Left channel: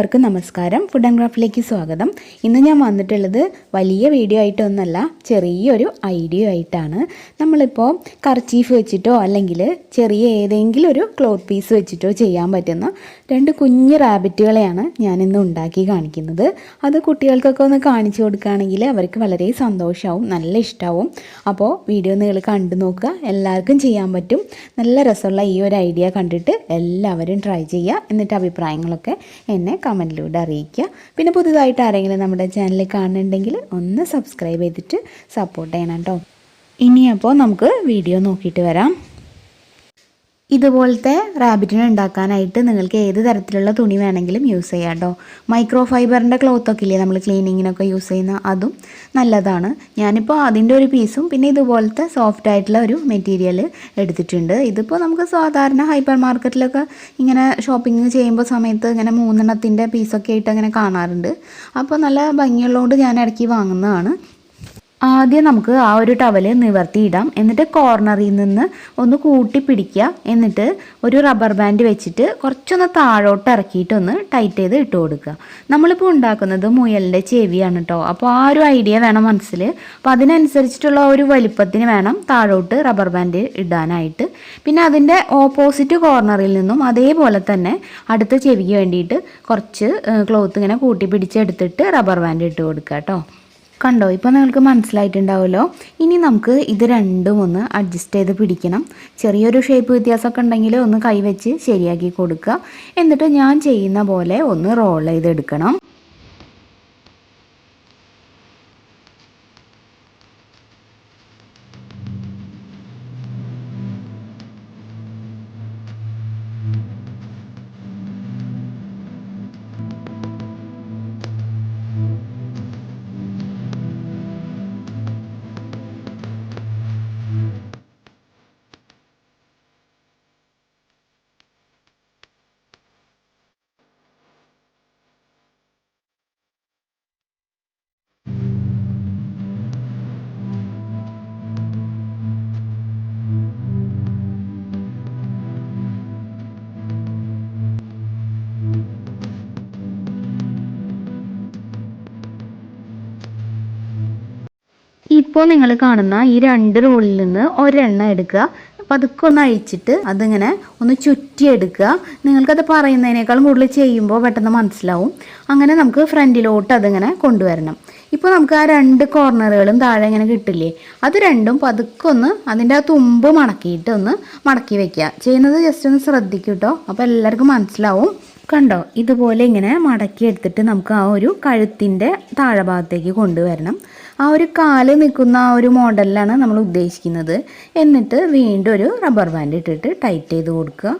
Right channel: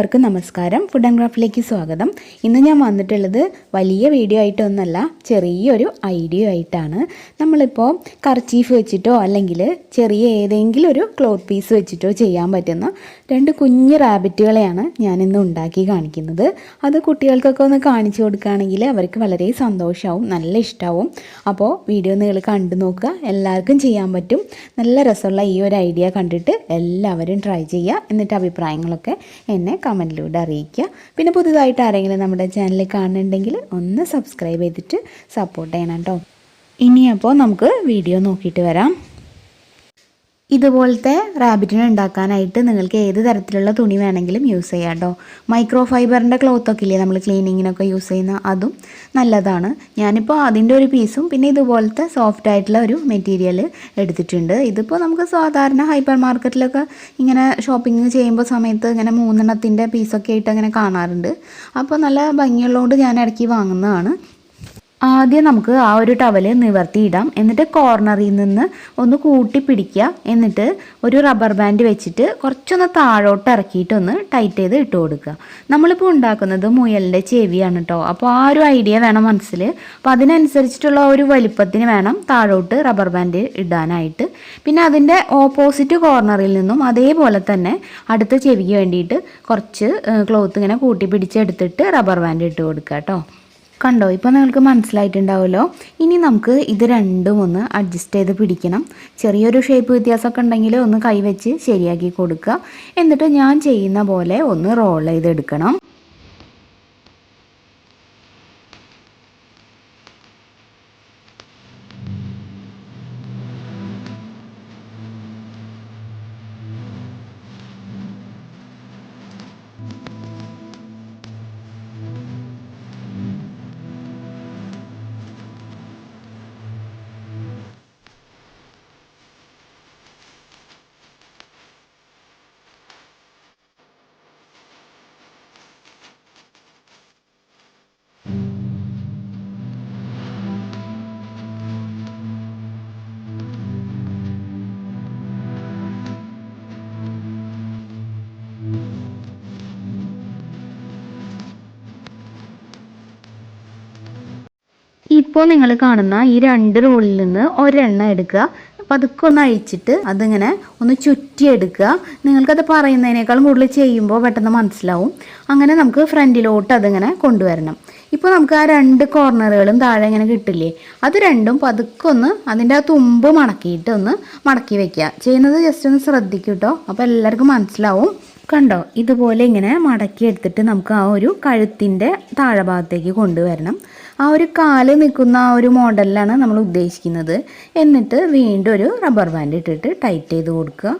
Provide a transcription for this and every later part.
എല്ലാവർക്കും നമസ്കാരം. Food and ക്രാഫ്റ്റിലേക്ക് സ്വാഗതം. ഇന്ന് ഞാൻ വന്നിട്ടുള്ളത് വലിയ വീഡിയോ ആയിട്ടൊന്നല്ല, ചെറിയൊരു ഐഡിയ ആയിട്ടാണ്. നമ്മളിപ്പോൾ കർച്ചീഫ് വെച്ചിട്ടോ അല്ലെങ്കിൽ ചെറിയ ഏതെങ്കിലും ഒരു ക്ലോത്ത് പീസ് വെച്ചിട്ടോ ചെയ്യാൻ പറ്റുന്ന രണ്ട് കുഞ്ഞു റാബിറ്റുകളെയാണ് ഞാനിന്ന് ഉണ്ടാക്കി കാണിക്കുന്നത്. അത് കുട്ടികൾക്കൊക്കെ ഒന്ന് കാണിച്ചു കൊടുക്കുകയാണെങ്കിൽ അവർക്ക് വളരെ സന്തോഷമാവും, നല്ല ഇഷ്ടമാവും. അപ്പോൾ വീഡിയോ നിങ്ങൾ കണ്ടു നോക്കുക, എല്ലാവർക്കും ചെയ്യാൻ പറ്റും. നല്ല രസമുള്ള ഈ ഒരു ഐഡിയ കണ്ടിട്ട് എല്ലാവരും ട്രൈ ചെയ്യുക. എന്നിട്ട് അഭിപ്രായങ്ങളൊക്കെ എന്നെ കമൻറ്റിലൂടെ അറിയിക്കുക. പിന്നെ പുതുതായിട്ട് ആരെങ്കിലും നമ്മുടെ ചാനൽ കാണുന്നുണ്ടെങ്കിൽ ഒന്ന് സബ്സ്ക്രൈബ് ചെയ്തിട്ട് സപ്പോർട്ട് ചെയ്യണം കേട്ടോ. ഇനിയപ്പോൾ നമുക്ക് വീഡിയോ നോക്കിയിട്ട് വരാം. ഇതുപോലത്തെ റാബിറ്റിനെ ഉണ്ടാക്കാനായിട്ട് നിങ്ങൾക്ക് ഏത് തരത്തിലുള്ള തുണി വേണമെങ്കിലും യൂസ് ചെയ്യാം കേട്ടോ. മൈക്രോ ഫൈബറിൻ്റെ ക്ലോത്തൊക്കെ ഇല്ലേ നമ്മൾ ക്ലീനിങ്ങിനൊക്കെ യൂസ് ചെയ്യുന്ന, അതും നല്ലതാണ്. ഞാനിപ്പോൾ അതിൻ്റെ ഒരു പീസും പിന്നെ ഇതുപോലത്തെ സോഫ്റ്റ് ആയിട്ടുള്ള ഒരു മെറ്റീരിയൽ എടുത്തിട്ടുണ്ട്. ഇതിപ്പോൾ നമുക്ക് സാധാരണ ഹൈപ്പർ മാർക്കറ്റിലൊക്കെ ഇങ്ങനെ ഷോപ്പിംഗ് ചെയ്യുമ്പോൾ സമയത്ത് ഇങ്ങനെ 3 പീസൊക്കെ ആയിട്ട് അങ്ങനെ കാണാറുണ്ട്. അപ്പോൾ നല്ല ഭംഗിയുള്ളതുകൊണ്ട് ഞാൻ ഇടയ്ക്ക് വാങ്ങുന്നതാണ്. ആദ്യം നമുക്ക് ആ ഒരു ടവല് നിവർത്തിയിടാം. എന്നിട്ട് കോർണറിൽ നിന്ന് ഒന്ന് കൂട്ടി പിടിക്കുക. എന്നിട്ട് ഒരു റബ്ബർ ബാൻഡ് വെച്ചിട്ട് കുറച്ചൊന്ന് താഴോട്ട് ഇറക്കിയിട്ടൊന്ന് ടൈറ്റ് ചെയ്ത് ഇട്ട് കൊടുക്കുക. നമ്മളിപ്പോൾ ഉണ്ടാക്കുന്നത് മുയലിൻ്റെ ചെവിയാണ് കേട്ടോ. അപ്പോൾ ആ ഒരു ഐഡിയ വേണം മനസ്സിൽ. അപ്പോൾ അതിനനുസരിച്ചിട്ടുള്ള ഒരു വലിപ്പത്തിന് വേണം താഴോട്ട് റബ്ബർ ബാൻഡ് ഇടാനായിട്ട്. പിന്നെ അതിൻ്റെ ഓപ്പോസിറ്റ് കോർണറിൽ നിന്നും അതേപോലെ തന്നെ അടുത്ത ചെവിക്ക് വേണ്ടിയിട്ട് കുറച്ച് ക്ലോത്ത് ഇങ്ങനെ കൂട്ടി പിടിച്ചെടുത്തിട്ട് റബ്ബർ ബാൻഡ് ഇട്ട് കൊടുക്കുക കേട്ടോ. കണ്ടോ, ഇപ്പോൾ നിങ്ങൾക്ക് മനസ്സിലായിട്ടുണ്ടാവുമല്ലോ. ഇനി നമുക്ക് ഇത് രണ്ടും ഒന്ന് അഡ്ജസ്റ്റ് ചെയ്ത് പിടിക്കണം. ചെറിയൊരു ഷേപ്പ് വ്യത്യാസമൊക്കെ ഉണ്ടെങ്കിൽ ഒന്ന് കൈവച്ച് ശരിയാക്കി കൊടുക്കുക. എന്നിട്ട് ഞാൻ ചെയ്യുന്ന പോലെ ഒന്ന് റോൾ ചെയ്തെടുക്കണം. ഇപ്പോൾ നിങ്ങൾ കാണുന്ന ഈ 2 റോളിൽ നിന്ന് ഒരെണ്ണം എടുക്കുക. പതുക്കെ ഒന്ന് അഴിച്ചിട്ട് അതിങ്ങനെ ഒന്ന് ചുറ്റിയെടുക്കുക. നിങ്ങൾക്കത് പറയുന്നതിനേക്കാളും കൂടുതൽ ചെയ്യുമ്പോൾ പെട്ടെന്ന് മനസ്സിലാവും. അങ്ങനെ നമുക്ക് ഫ്രണ്ടിലോട്ട് അതിങ്ങനെ കൊണ്ടുവരണം. ഇപ്പോൾ നമുക്ക് ആ 2 കോർണറുകളും താഴെ ഇങ്ങനെ കിട്ടില്ലേ, അത് രണ്ടും പതുക്കെ ഒന്ന് അതിൻ്റെ ആ തുമ്പ് മടക്കിയിട്ട് ഒന്ന് മടക്കി വെക്കുക. ചെയ്യുന്നത് ജസ്റ്റ് ഒന്ന് ശ്രദ്ധിക്കും കേട്ടോ. അപ്പോൾ എല്ലാവർക്കും മനസ്സിലാവും. കണ്ടോ, ഇതുപോലെ ഇങ്ങനെ മടക്കി എടുത്തിട്ട് നമുക്ക് ആ ഒരു കഴുത്തിൻ്റെ താഴെ ഭാഗത്തേക്ക് കൊണ്ടുവരണം. ആ ഒരു കാല് നിൽക്കുന്ന ആ ഒരു മോഡലിലാണ് നമ്മൾ ഉദ്ദേശിക്കുന്നത്. എന്നിട്ട് വീണ്ടും ഒരു റബ്ബർ ബാൻഡ് ഇട്ടിട്ട് ടൈറ്റ് ചെയ്ത് കൊടുക്കുക.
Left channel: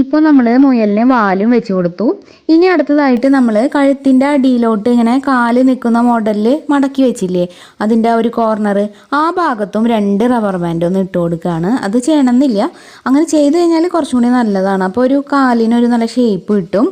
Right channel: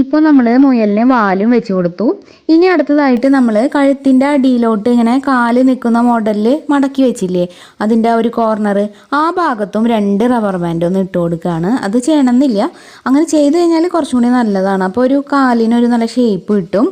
ഇപ്പോൾ നമ്മൾ മുയലിനെ വാലും വെച്ച് കൊടുത്തു. ഇനി അടുത്തതായിട്ട് നമ്മൾ കഴുത്തിൻ്റെ അടിയിലോട്ട് ഇങ്ങനെ കാല് നിൽക്കുന്ന മോഡലിൽ മടക്കി വെച്ചില്ലേ, അതിൻ്റെ ആ ഒരു കോർണർ, ആ ഭാഗത്തും 2 റബ്ബർ ബാൻഡ് ഒന്ന് ഇട്ട് കൊടുക്കുകയാണ്. അത് ചെയ്യണമെന്നില്ല, അങ്ങനെ ചെയ്ത് കഴിഞ്ഞാൽ കുറച്ചും കൂടി നല്ലതാണ്. അപ്പോൾ ഒരു കാലിനൊരു നല്ല ഷേപ്പ് കിട്ടും.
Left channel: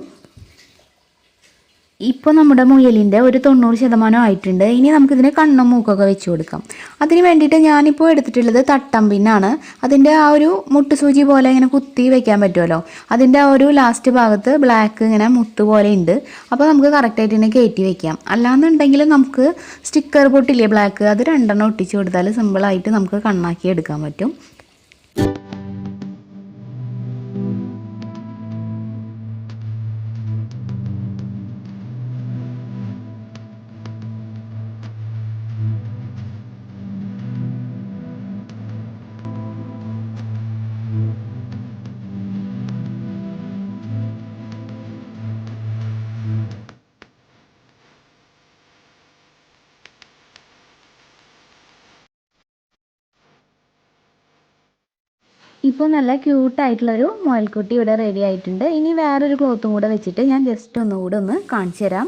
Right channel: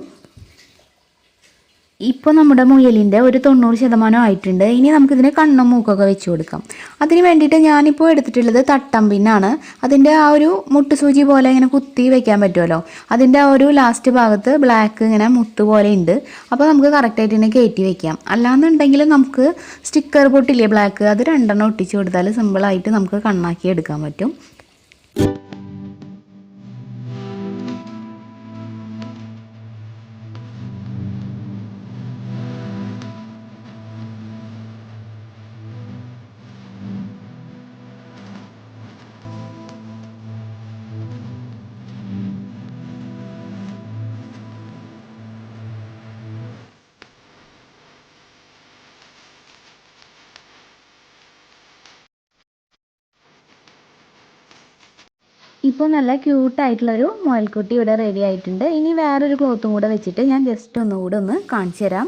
ഇപ്പോൾ നമ്മുടെ മുയലിൻ്റെ ഒരു 90% ആയിട്ടുണ്ട്. ഇനി നമുക്കിതിന് കണ്ണും മൂക്കൊക്കെ വെച്ച് കൊടുക്കാം. അതിന് വേണ്ടിയിട്ട് ഞാനിപ്പോൾ എടുത്തിട്ടുള്ളത് തട്ടമ്പിന്നാണ്. അതിൻ്റെ ആ ഒരു മുട്ടുസൂചി പോലെ ഇങ്ങനെ കുത്തി വെക്കാൻ പറ്റുമല്ലോ, അതിൻ്റെ ആ ഒരു ലാസ്റ്റ് ഭാഗത്ത് ബ്ലാക്ക് ഇങ്ങനെ മുത്ത് പോലെ ഉണ്ട്. അപ്പോൾ നമുക്ക് കറക്റ്റായിട്ട് തന്നെ കയറ്റി വെക്കാം. അല്ലാന്നുണ്ടെങ്കിൽ നമുക്ക് സ്റ്റിക്കർ പൊട്ടില്ലേ ബ്ലാക്ക്, അത് 2 ഒട്ടിച്ച് കൊടുത്താൽ സിമ്പിളായിട്ട് നമുക്ക് കണ്ണാക്കി എടുക്കാൻ പറ്റും. ഇപ്പോൾ നല്ല ക്യൂട്ടായിട്ടുള്ളൊരു മുയൽക്കുട്ടി ഇവിടെ റെഡി ആയിട്ടുണ്ട്. ഇനി വേറൊരു ക്ലോത്തും കൂടെ വെച്ചിട്ട് ഞാൻ ജസ്റ്റ് ഒന്നുകൂടെ ഒന്ന് കാണിച്ചു തരാം.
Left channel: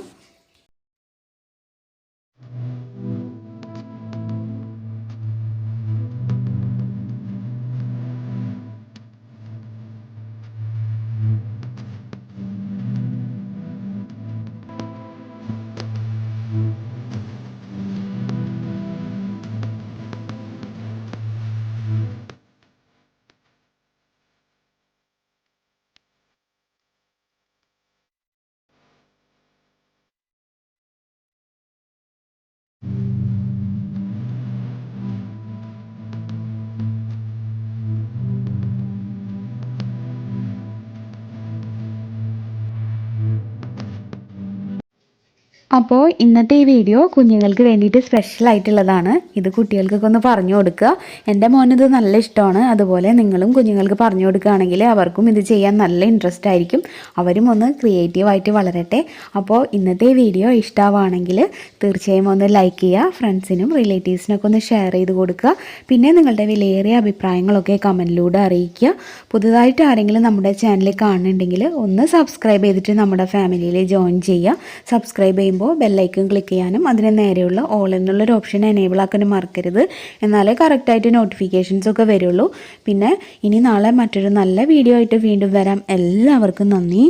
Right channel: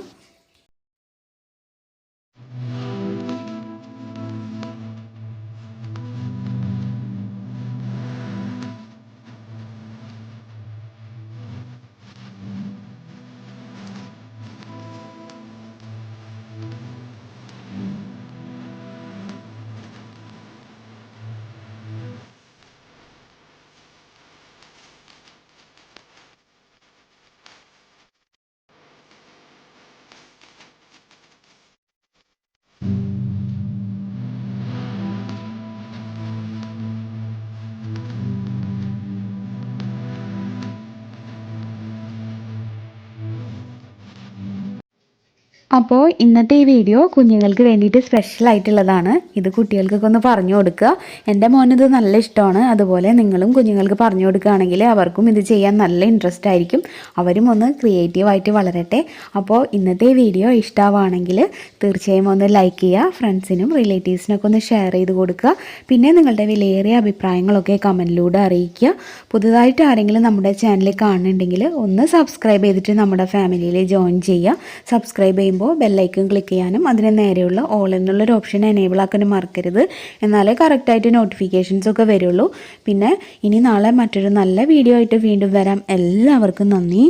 അപ്പോൾ ഇന്നത്തെ ഈ വീഡിയോ കുഞ്ഞുങ്ങൾക്ക് വേണ്ടിയിട്ട് സ്പെഷ്യലായിട്ടുള്ളതാണ്. ഇത് കുട്ടികൾക്കൊക്കെ ഒന്ന് പറഞ്ഞു കൊടുക്കുക. എൻ്റെ മോനിത് നല്ല ഇഷ്ടമാണ്. അതുപോലെ നിങ്ങളും കുഞ്ഞുങ്ങൾക്ക് പറഞ്ഞു കൊടുക്കുകയാണെങ്കിൽ അവർക്കും ഇത് ചെയ്യാൻ നല്ല ഇൻട്രസ്റ്റ് ആയിരിക്കും. അവരും ഒന്ന് ക്രിയേറ്റീവായിട്ട് വളരട്ടെ. അപ്പോൾ ഇന്നത്തെ ഈ വീഡിയോ ഇഷ്ടമാവുകയാണെങ്കിൽ തീർച്ചയായും ഒന്ന് ലൈക്ക് ചെയ്യുക. ഫ്രണ്ട്സിനും റിലേറ്റീവ്സിനൊക്കെ ഒന്ന് ഷെയർ ചെയ്ത് കൊടുക്കുക. പിന്നെ നിങ്ങളുടെ വിലയേറിയ അഭിപ്രായങ്ങളൊക്കെ കമൻറ്റിലൂടെ അറിയിക്കുക. പുതുതായിട്ട് ആരെങ്കിലും നമ്മുടെ ചാനൽ കാണുന്നുണ്ടെങ്കിൽ ഒന്ന് സബ്സ്ക്രൈബ് ചെയ്തിട്ട് നമ്മുടെ ഫാമിലിയിൽ ജോയിൻ ചെയ്യുക. സബ്സ്ക്രൈബ് ചെയ്യുമ്പോൾ ബെല്ലൈക്കൺ ക്ലിക്ക് ചെയ്യാനും അതിന് നേരെയുള്ള ഓൾ എന്നുള്ളൊരു ഓപ്ഷൻ എനേബിൾ ആക്കാനും മറക്കരുത്. എന്നാലേ കറക്റ്റായിട്ട് നോട്ടിഫിക്കേഷൻസ് ഒക്കെ വരുള്ളൂ. പിന്നെ ഇനി നാളെ മറ്റൊരു നല്ല വീഡിയോ ആയിട്ട് വീണ്ടും വരാം. എല്ലാവർക്കും നന്ദി.